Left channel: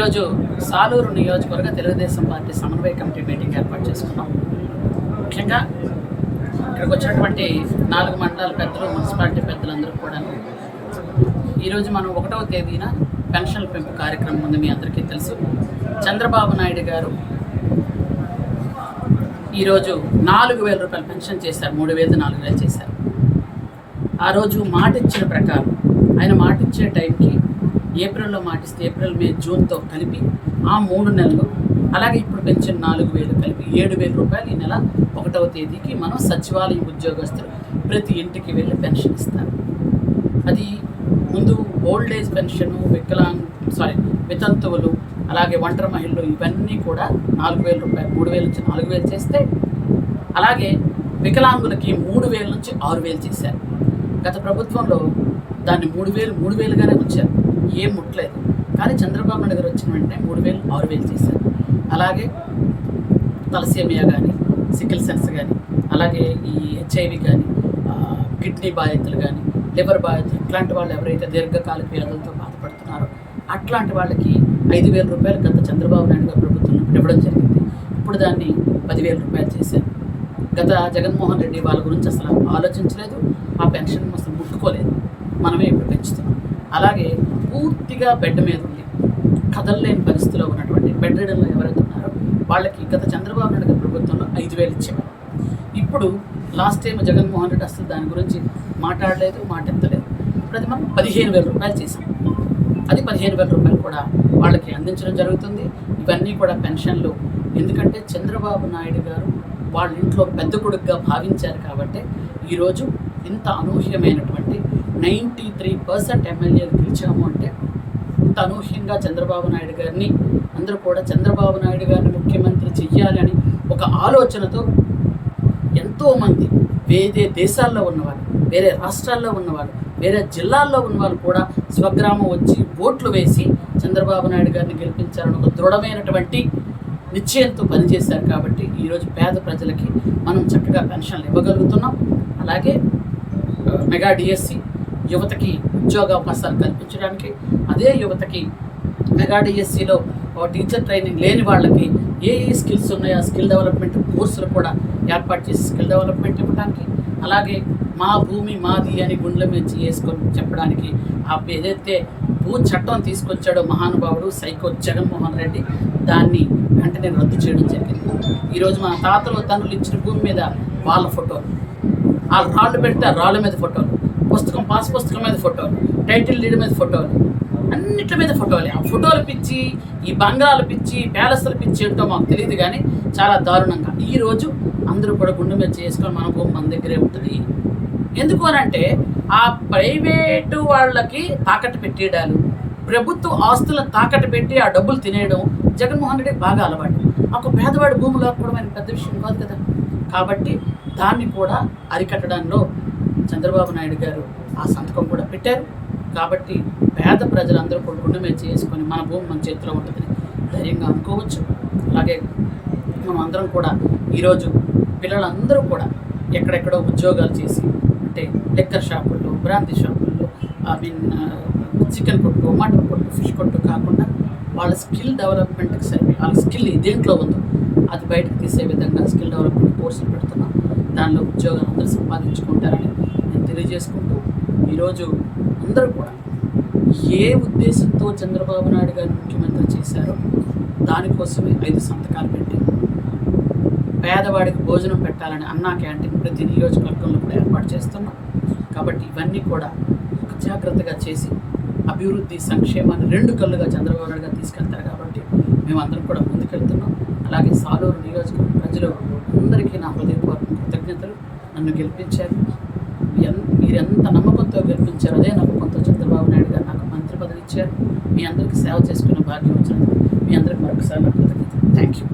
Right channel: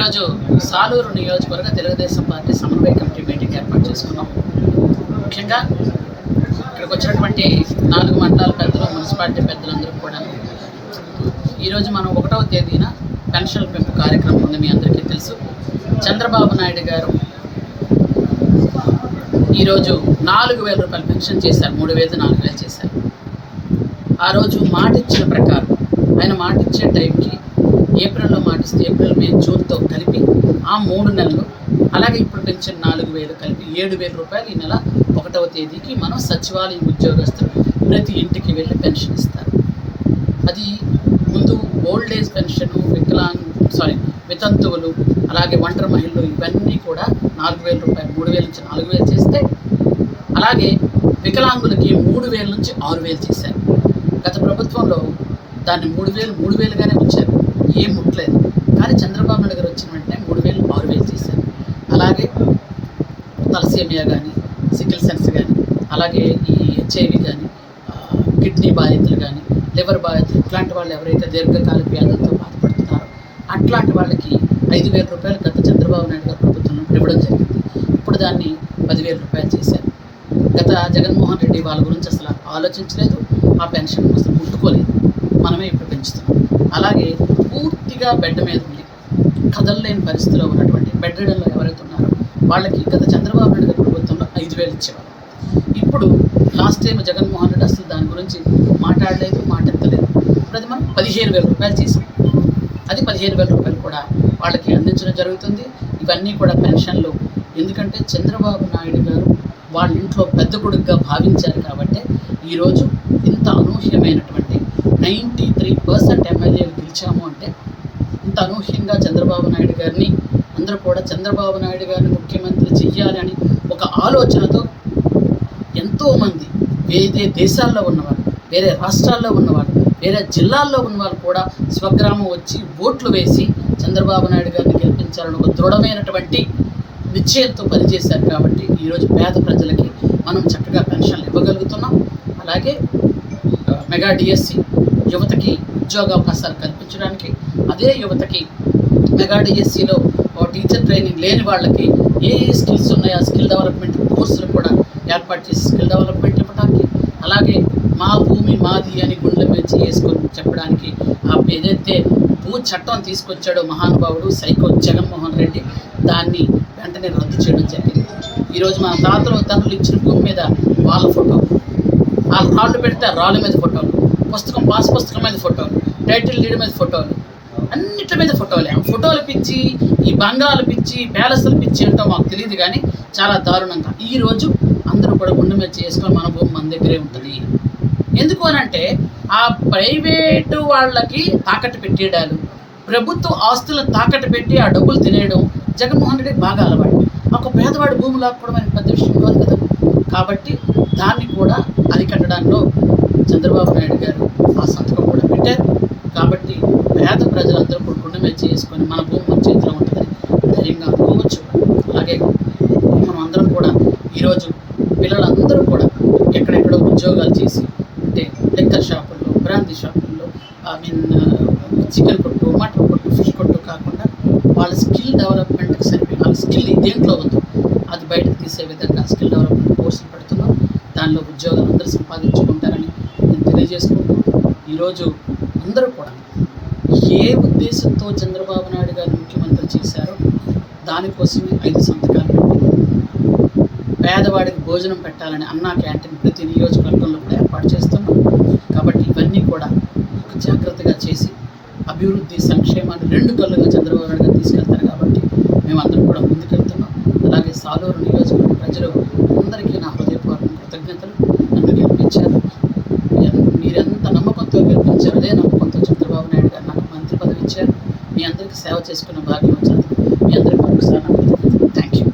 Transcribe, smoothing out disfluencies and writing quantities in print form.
ఈరోజు సాలూరు నియోజకవర్గ తెలుగుదేశం పార్టీ సమన్వయ కమిటీ మీటింగ్ ఏర్పాటు చేసుకున్నాం. ముఖ్యంగా ఇక్కడికి వచ్చినటువంటి 4 మండలాల పెద్దలు, మున్సిపాలిటీ పెద్దలందరూ కూడా ఈరోజు మనం 1వ తేదీన పెన్షన్ల పెంపు కార్యక్రమం ఉంది. మీ అందరికీ తెలుసు. చంద్రబాబు నాయుడు గారు ఈరోజు 4,000 రూపాయలు పెన్షన్ చేశారు. 3,000 4,000 చేశారు. ఆ రోజు మాట ఇచ్చిన ప్రకారం ఆయన మాట ఇచ్చే టైంకి ఏప్రిల్లో మాటిస్తే ఏప్రిల్, మే, జూన్తో కలిపి ఆ 3 నెలలు, అలాగే ఇప్పుడు పెంచిన 4,000 కలిపి 7,000 రూపాయలు ఈ నెల 1వ తేదీకి మనం సచివాలయ ఉద్యోగస్తులు ప్రతి ఇంటికి వెళ్ళి పెన్షన్ ఇస్తారు. అది ముందు ఓల్డ్ ఏజ్ పెన్షను, వితంతువులు, అలాగే ఒంటరి మహిళలు ఇవన్నీ కూడా 4,000 రూపాయలు, 3,000 నుంచి 4,000 చేస్తే, అలాగే వికలాంగులకి 3,000 నుంచి 6,000 చేశారు. గత ప్రభుత్వంలో దాన్ని 3,000గానే ఉంచారు, ఏం ముట్టలేదు. కానీ చంద్రబాబు నాయుడు గారు వచ్చిన వెంటనే 3,000 6,000 చేశారు. అలాగే తలసేమియా కానీ, సికిల్ సెన్స్ కానీ, అలాగే ఈ HIV కానీ, కిడ్నీ బాధితులు కానీ, లివర్ బాధితులు, ఇట్లాంటి వాళ్ళు ఎవరైతే దీర్ఘకాలిక వ్యాధులతో బాధపడుతున్నారో అట్లాంటి వాళ్ళకి 5,000 రూపాయలు గత చంద్రబాబు నాయుడు గారు ప్రభుత్వం ఇవ్వడం జరిగింది. ఇప్పుడు దాన్ని 10,000 రూపాయలు చేశారు. గత జగన్మోహన్ రెడ్డి వాళ్ళ గురించి అసలు ఆలోచించలేదు, ఆ పెన్షన్ అసలు ముట్టుకోలేదు. మనమే ఇప్పుడు పెంచుతున్నాం. అలాగే పూర్తిగా బెడ్ మీద ఉండి కదలలేని పరిస్థితిలో ఉన్నటువంటి బెడ్ రిడన్లో ఎవరైతే ఉన్నారో వాళ్ళకి గత చంద్రబాబు నాయుడు గారి ప్రభుత్వంలో 5,000 ఇచ్చేవారు. ఇప్పుడు లాస్ట్ టైం జగన్మోహన్ రెడ్డి అసలు దాని గురించి మాట్లాడలేదు, మాటెత్తలేదు. ఇప్పుడు అది మనం 15,000 రూపాయలు చేసాం. అది 15,000 రూపాయలు కూడా వాళ్ళకి అందించడం జరుగుతుంది. ఇవన్నీ కూడా పెన్షన్లు. ఎందుకంటే చంద్రబాబు నాయుడు గారు వాళ్ళ ఇంట్లో పెద్ద కొడుకుగా భావించారు కాబట్టి ఈరోజు ఇంత అనూహ్యమైనటువంటి 93% ఎమ్మెల్యేలు గెలిచాము అంటే ఇంత అనూహ్యంగా చంద్రబాబు నాయుడు గారిని అందరూ కూడా చంద్రబాబు నాయుడు గారిని ముఖ్యమంత్రి చెయ్యాలి అని ఒక ఆలోచనతో ఎంతోమంది వేరే దేశాల్లో ఉన్నవాళ్ళు, వేరే రాష్ట్రాల్లో ఉన్నవాళ్ళు, వేరే జిల్లాల్లో ఉన్నవాళ్ళు కూడా స్వగ్రామం వచ్చి ఓట్లు వేసి చంద్రబాబు నాయుడు గారిని గెలిపించాలని ఒక దృఢమైనటువంటి నిశ్చయంతో పనిచేశారు. కాబట్టి ఈరోజు పేద ప్రజలకి మనం చక్కగా పెన్షన్లు ఇవ్వగలుగుతున్నాం. అలాగే మెగా డిఎస్సి యువతకి ఉద్యోగావకాశాలు కల్పించడానికి, అదే యువతకి మెగా డిఎస్సిలో టీచర్ ట్రైనింగ్ లేని వాళ్ళకి ఏ స్కిల్స్ ఉన్నాయో ఆ స్కిల్ డెవలప్మెంట్ కోర్సులు కూడా ఏర్పాటు చేసి స్కిల్ డెవలప్మెంట్ ఇవ్వడానికి, అలాగే మా భూమి మాది అని గుండెల మీద చేసుకొని చెప్పడానికి ఏదైతే భూ చట్టం తీసుకొచ్చాడో మహానుభావుడు సైకో జగన్మోహన్ రెడ్డి, దాన్ని వెంటనే రద్దు చేయడం జరిగింది. ఈరోజు మన తాతలు తండ్రులు ఇచ్చిన భూమి మీద వాళ్ళ ఫోటోలు, ఆ రాళ్ళు పెడితే ఆ రాళ్ళ మీద ఫోటోలు, పాస్ పుస్తకం మీద ఫోటోలు, టైటిల్ డీడ్ మీద ఫోటోలు, అన్నిటి మీద ఫోటోలే. ఆ ఫోటోలు పిచ్చి, ఈ బంగాళాలు పిచ్చి, ప్యాలెస్లు పిచ్చి ఏంటో మాకు తెలియదు. కానీ చాలా దారుణంగా ఈరోజు అందరూ కూడా గుండె మీద చేసుకొని మన భూమి మన దగ్గరే ఉంటుంది. ఎందుకు అనంటే ఆ ప్రైవేటు వాళ్ళకి తాకట్టు పెట్టేయడాలు, ప్రభుత్వ ఆస్తులను తాకట్టు పెట్టి ఆ డబ్బులు తినేయడం జగన్మోహన్ రెడ్డికి బాగా అలవాటు. ఒక పేదవాడి భూమి లాక్కోవడం అనేది పెద్ద విషయం కాదు కదా. కాబట్టి దాన్ని కూడా అరికట్టడంలో చంద్రబాబు నాయుడు గారు ఆ సంతకం కూడా పెట్టారు. కాబట్టి పేద ప్రజలందరూ కూడా గుండె మీద చేసుకొని మన భూమి మన చేతిలో ఉంటుందని ధైర్యంగా అనుకోవచ్చు. అలాగే మనం అందరం కూడా ఈరోజు పిల్లలందరూ కూడా ఎక్కడెక్కడో ఉద్యోగాలు చేసి, అంటే లెక్కర్ షాపుల్లో, బ్రాంతి షాపుల్లో, చికెన్ కొట్టు, మటన్ కొట్టు, ఫిష్ కొట్టు కాకుండా వాళ్ళ స్కిల్ డెవలప్మెంట్కి సరిపోయి వాళ్ళ స్కిల్ దేంట్లో ఉందో అది బయటకు తీసే విధంగా స్కిల్ డెవలప్మెంట్ కోర్సులు పెడుతున్నాం. దానిలో ఉద్యోగాలు అందరూ సంపాదించుకుంటారని నేను తెలియజేసుకుంటూ, ఈరోజు అందరూ కూడా ఏ ఉద్దేశంతో చంద్రబాబు నాయుడు గారిని ముఖ్యమంత్రి చేశారో దానికోసమే 5 సంతకాలు పెట్టి పేదవాడికి భోజనం పెట్టాలని అన్నా క్యాంటీన్ ప్రతి నియోజకవర్గంలో కూడా ఏర్పాటు చేస్తున్నాం. కాబట్టి ఇవన్నీ కూడా ఒక జాగ్రత్తగా చేసి అభివృద్ధి సంక్షేమాన్ని 2 కళ్ళుగా చంద్రబాబు నాయుడు గారు తీసుకెళ్తారు. కాబట్టి మేమందరం కూడా ముందుకెళ్తున్నాం. అలాగే సాలూరు నియోజకవర్గ ప్రజలు అందరికీ నా హృదయపూర్వక కృతజ్ఞతలు. నన్ను గెలిపించారు, మీరెంత నమ్మకంతో గెలిపించారు, అదే నమ్మకంతో చంద్రబాబు నాయుడు గారు నాకు మంత్రి పదవి ఇచ్చారు. మీ అందరికీ సేవ చేసుకునే భాగ్యం వచ్చినందుకు మీ అందరికీ మరొకసారి నా కృతజ్ఞతలు. Thank you.